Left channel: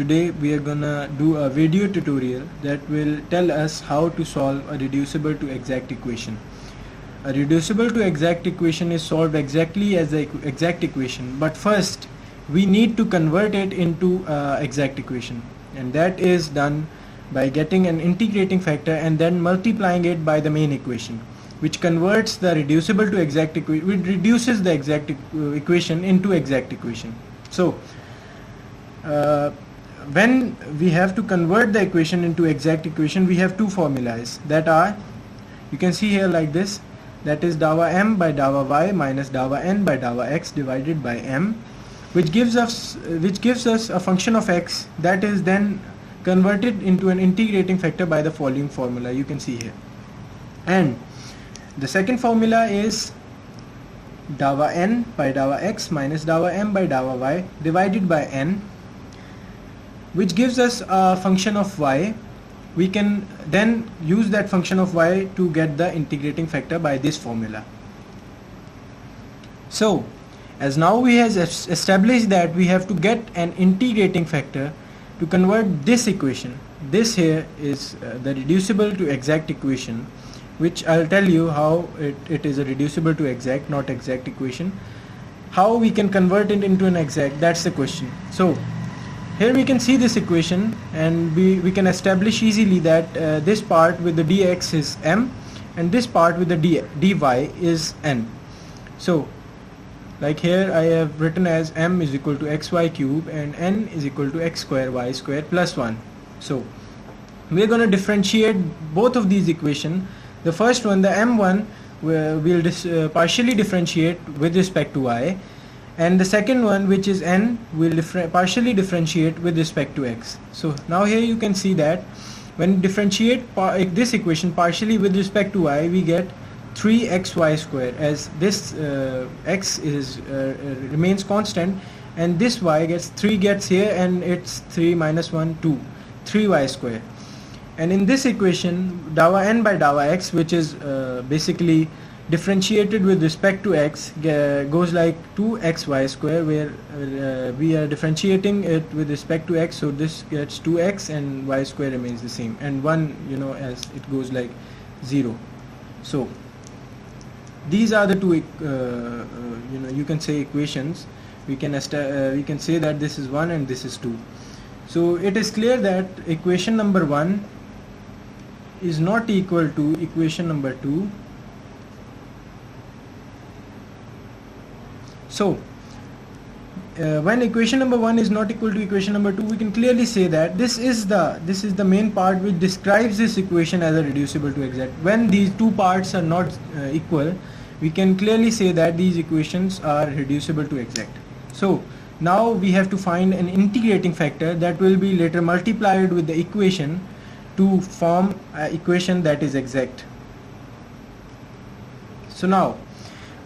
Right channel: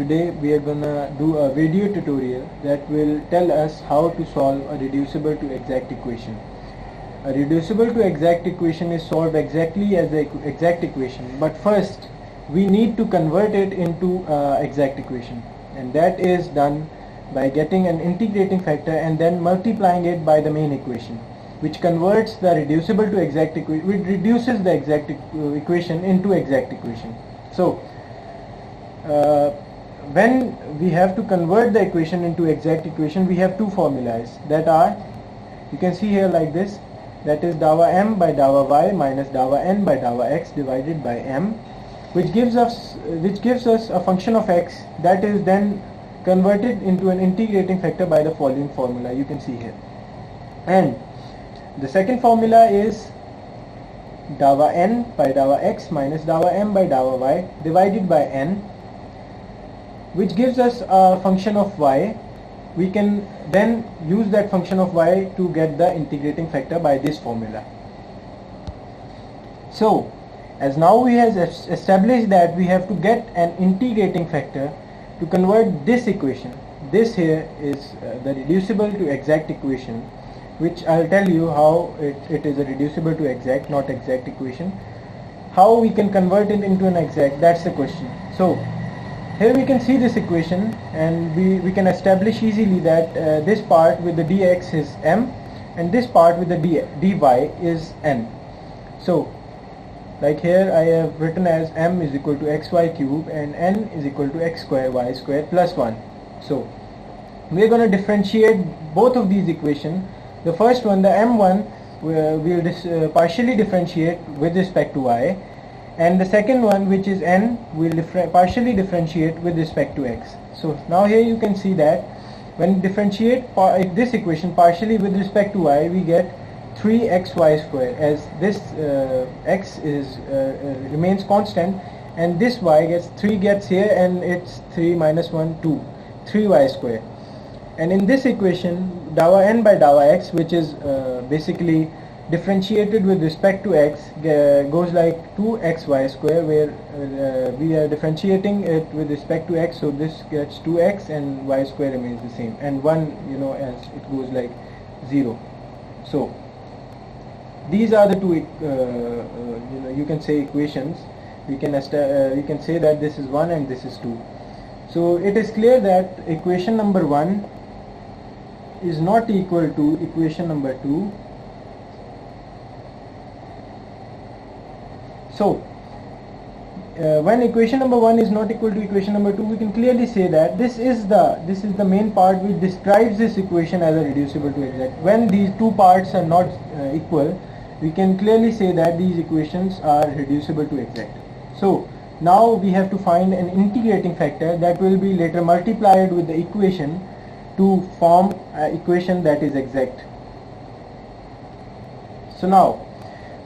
today we are gonna do a video tutorial that will tell us how to solve a reducible to exact equation. A reducible to exact equation is solved exactly as the exact equation, but first we need to convert it into exact equation, and that is done by getting an integrating factor and then multiplying it by the main equation, which converts the reducible to exact equation, which reduces the exact equation into exact equation. So when we have to convert the equation into exact equation, we have two formulas that are, you can see here like this, that is dawa m by dawa y minus dawa n by dawa x divided by m, which gives us a function of x that is then converted into an integrating factor by the following formula you can see here. And the second formula is dawa n by dawa x minus dawa m by dawa y divided by n, which gives us a function of y. We can then use that function of y to get the integrating factor by this formula. So as now we have established that we have to get an integrating factor to convert this equation. This here is the reducible to exact equation, which I'll tell you how it is a reducible to exact, not exact equation. How we can convert it into an exact, that's the question. So here we can see this equation, and we can establish easily that this part with the dx is m and this part with the dy is n. So like here I have written as m is equal to xy cube and n is equal to x square y square plus 1. So we are going to differentiate both of these equations. The first one, the m1, we'll partially differentiate with respect to y, and the second one, which is n, will partially differentiate with respect to x. So now here you can see that when differentiate this equation partially with respect to y, we get 3xy square, as this x is remains constant and this y gets here, and it's 3 minus 1 2, 3y square. And in this equation dawa n by dawa x, which is basically differentiated with respect to x, goes like 2xy square, where we are differentiating it with respect to x, so this gets 2x and y square remains the same, and 1, as it goes like 0. So these are the two you can say equations. We can say that this is 1 and this is 2. So it is clear that equation number 1 is not equal to equation number 2. So when equation number 1 is not equal to equation number 2, we can clearly say that this is the main part which describes this equation as a reducible to exact. When these two parts are not equal, we can clearly say that these equations are reducible to exact. So now we have to find an integrating factor that will be later multiplied with the equation to form an equation that is exact. So now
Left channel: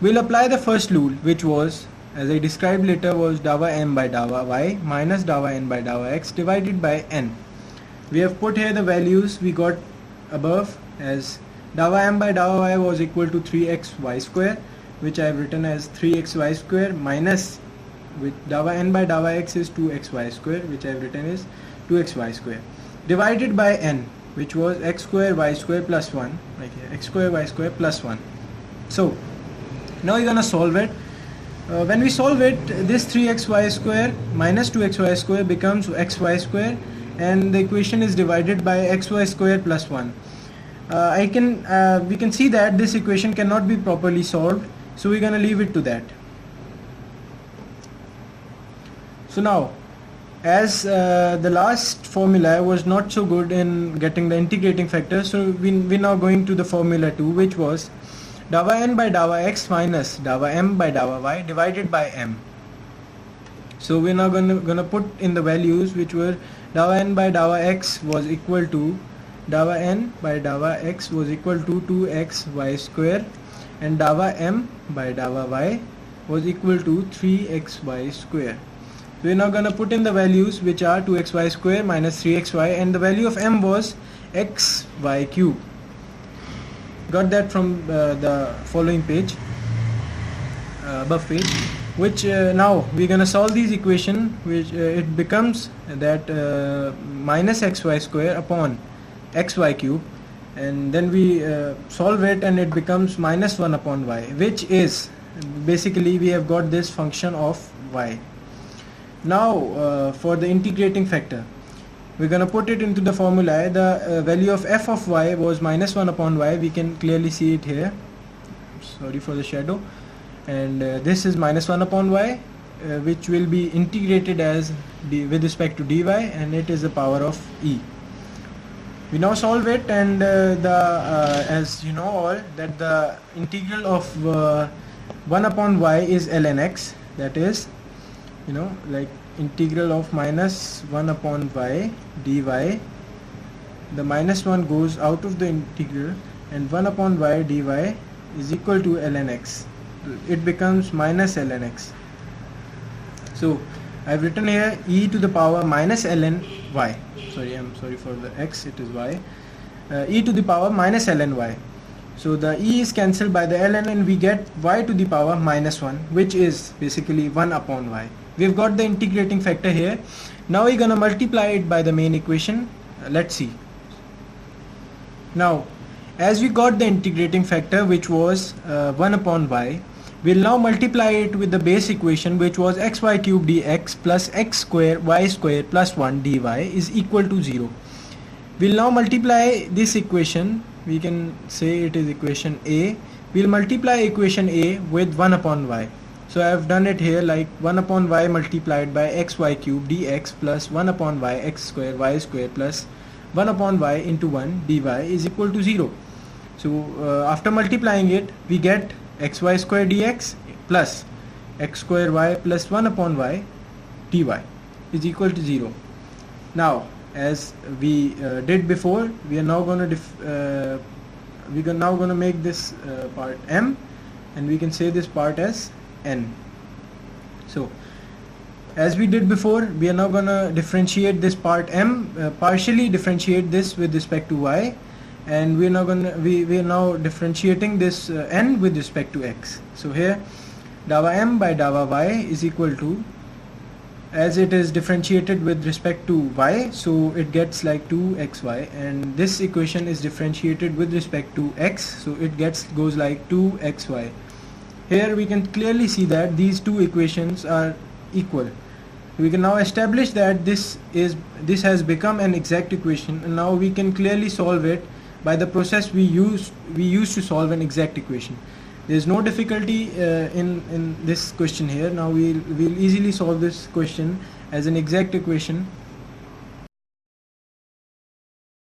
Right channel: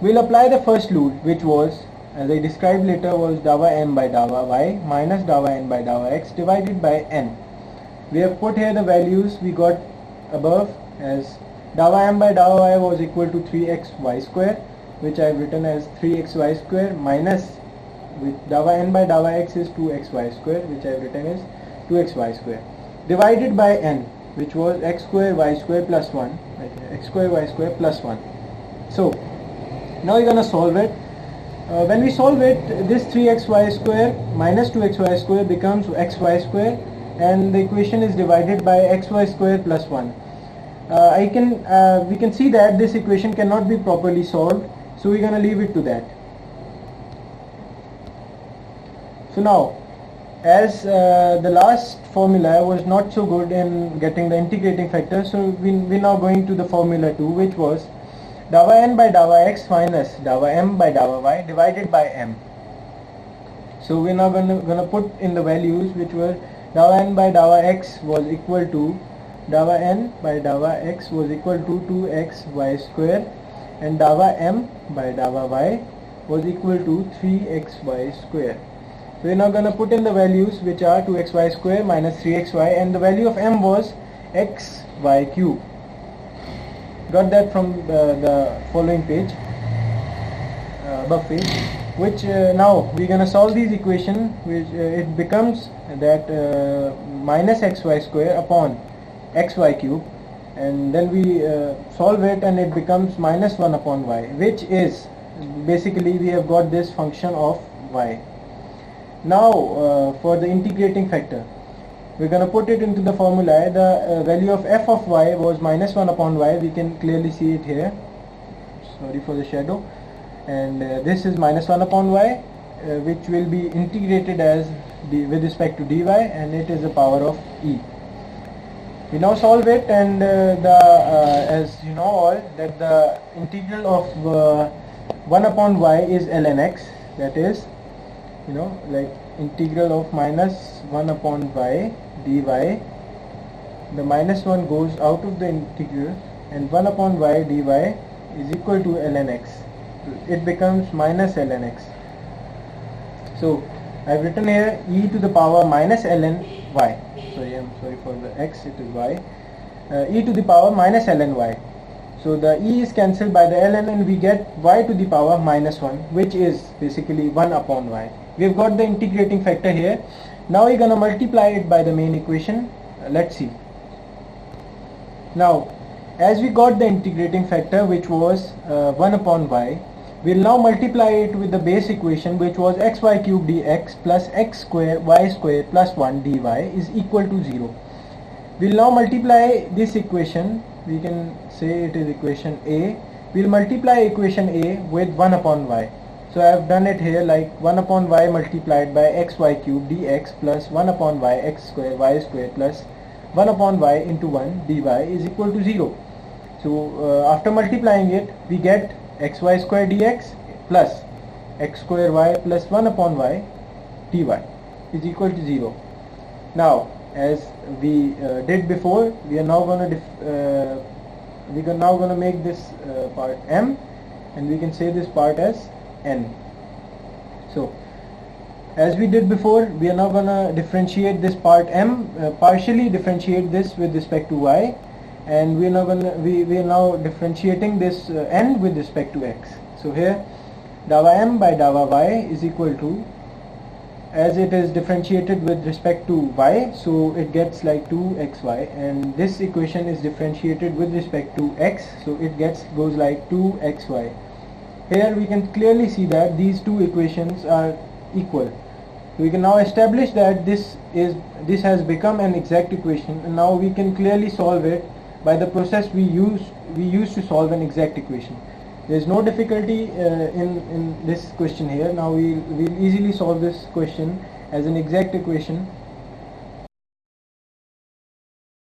we'll apply the first rule, which was, as I described later, was dawa m by dawa y minus dawa n by dawa x divided by n. We have put here the values we got above, as dawa m by dawa y was equal to 3xy square, which I have written as 3xy square, minus with dawa n by dawa x is 2xy square, which I have written as 2xy square, divided by n, which was x square y square plus 1, like x square y square plus 1. So now you're gonna solve it. When we solve it, this 3xy square minus 2xy square becomes xy square, and the equation is divided by xy square plus 1. We can see that this equation cannot be properly solved, so we're gonna leave it to that. So now, as the last formula was not so good in getting the integrating factor, so we're now going to the formula 2, which was dawa n by dawa x minus dawa m by dawa y divided by m. So we're now gonna put in the values, which were dawa n by dawa x was equal to dawa n by dawa x was equal to 2xy square, and dawa m by dawa y was equal to 3xy square. So we're now gonna put in the values, which are 2xy square minus 3xy, and the value of m was xy cube. Got that from the following page, above page. which now we're gonna solve these equation, which it becomes that minus xy square upon xy cube, and then we solve it and it becomes minus 1 upon y, which is basically we have got this function of y. Now for the integrating factor, we're gonna put it into the formula. The value of f of y was minus 1 upon y. We can clearly see it here, sorry for the shadow, and this is minus 1 upon y, which will be integrated as with respect to dy, and it is the power of e. We now solve it, and as you know all, that the integral of 1 upon y is ln x, that is, you know, like integral of minus 1 upon y dy, the minus 1 goes out of the integral, and 1 upon y dy is equal to ln x. It becomes minus ln x. So I've written here e to the power minus ln y. Sorry, I'm sorry for the x, it is y. E to the power minus ln y. So the e is cancelled by the ln, and we get y to the power minus 1, which is basically 1 upon y. We've got the integrating factor here. Now we're gonna multiply it by the main equation. Let's see. Now, as we got the integrating factor, which was 1 upon y, we'll now multiply it with the base equation, which was xy cube dx plus x square y square plus 1 dy is equal to 0. We'll now multiply this equation. We can say it is equation A. We'll multiply equation A with 1 upon y. So I have done it here like 1 upon y multiplied by xy cube dx plus 1 upon y x square y square plus 1 upon y into 1 dy is equal to 0. So after multiplying it, we get xy square dx plus x square y plus 1 upon y dy is equal to 0. Now, as we did before, we are now going to make this part m, and we can say this part as n. So as we did before, we are now going to differentiate this part m, partially differentiate this with respect to y, and we are now differentiating this n with respect to x. So here dawa m by dawa y is equal to, as it is differentiated with respect to y, so it gets like 2xy, and this equation is differentiated with respect to x, so it goes like 2xy. Here we can clearly see that these two equations are equal. We can now establish that this has become an exact equation, and now we can clearly solve it by the process we use to solve an exact equation. There is no difficulty in this question here. Now we'll easily solve this question as an exact equation